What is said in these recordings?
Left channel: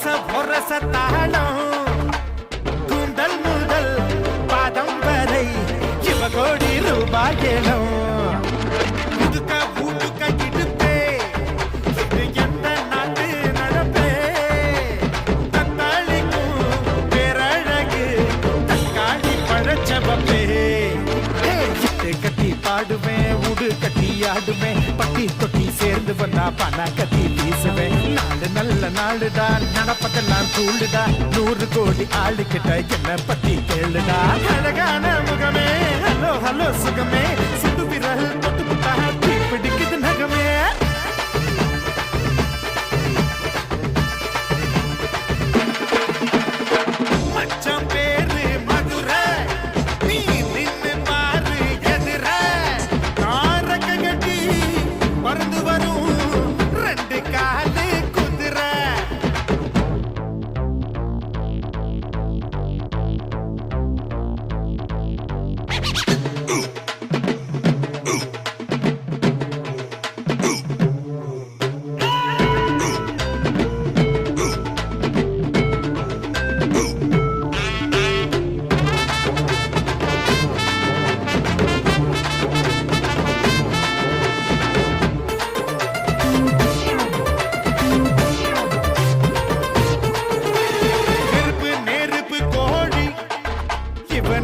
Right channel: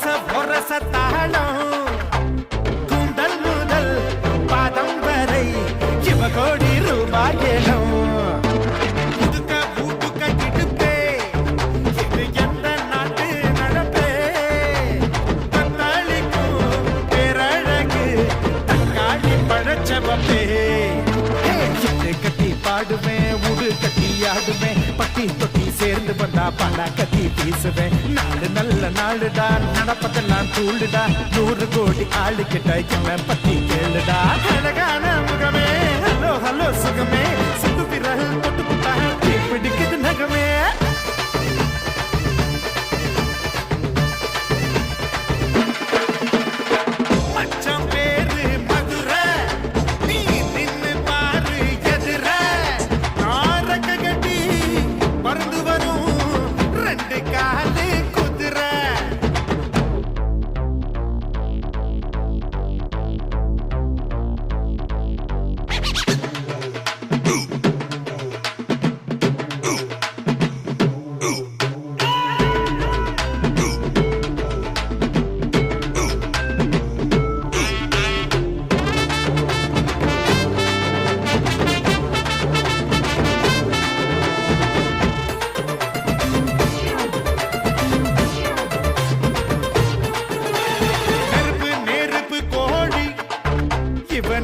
ஒரச தாளம் கூந்தல் முதல் பாதம் வரை கோடி ரூபாய் ஏலம் புதுக்க பூட்டுக்க இடுப்பே இது எந்த நாட்டு நடப்பே தக்காளிக்கும் பேரழகு தக்காளி பழச்சவப்பே இட்டு கட்டி பாடுவேன் உடு கட்டி ஆடுவேன் பட்டி தொட்டி சேர்ந்து வந்தா பண கட்டி வீசுவேன் நாடு நல்ல நாடுடா நடப்பதெல்லாம் தூளுடா 100 கோடி ஆளு கிட்ட என்ன பத்தி கேளுடா அழகான முகமே ஹலோ ஹலோ சுகமே சுட்டு விரல் தொட்டு புட்டா தீ பிடிக்குது நகமே மச்சான் பேரு மதுரை நீ நின்னு பாரு எதிர நாரக்க கட்டி பறந்து வரும் 2 காலு குதிரை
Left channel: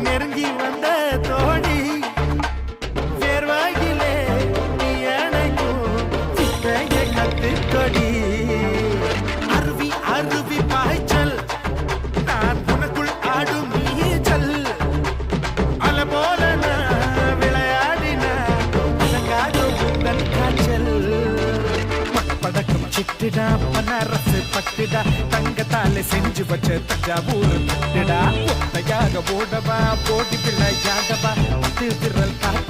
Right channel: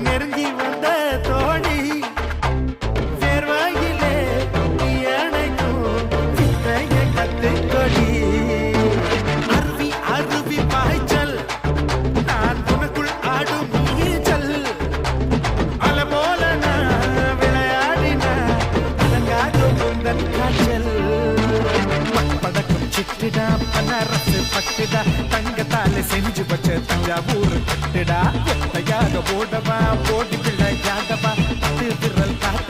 நெருங்கி வந்த தோழி வேர்வாயிலே அணைக்கும் சிக்கைய கத்துக்கொடி அருவி அருவி பாய்ச்சல் நான் உனக்குள் ஆடும் நீச்சல் அல போல நான் விளையாடின அலங்காத உந்தன் காய்ச்சல் படக்கும் சிட்டுடா பனரசு பட்டுடா தங்கத்தால செஞ்சு வச்ச தஞ்சாவூர் பட்டுடா ஒத்தையாக ஓடவா ஓடி விளையாடவா 10 விரல் காத்து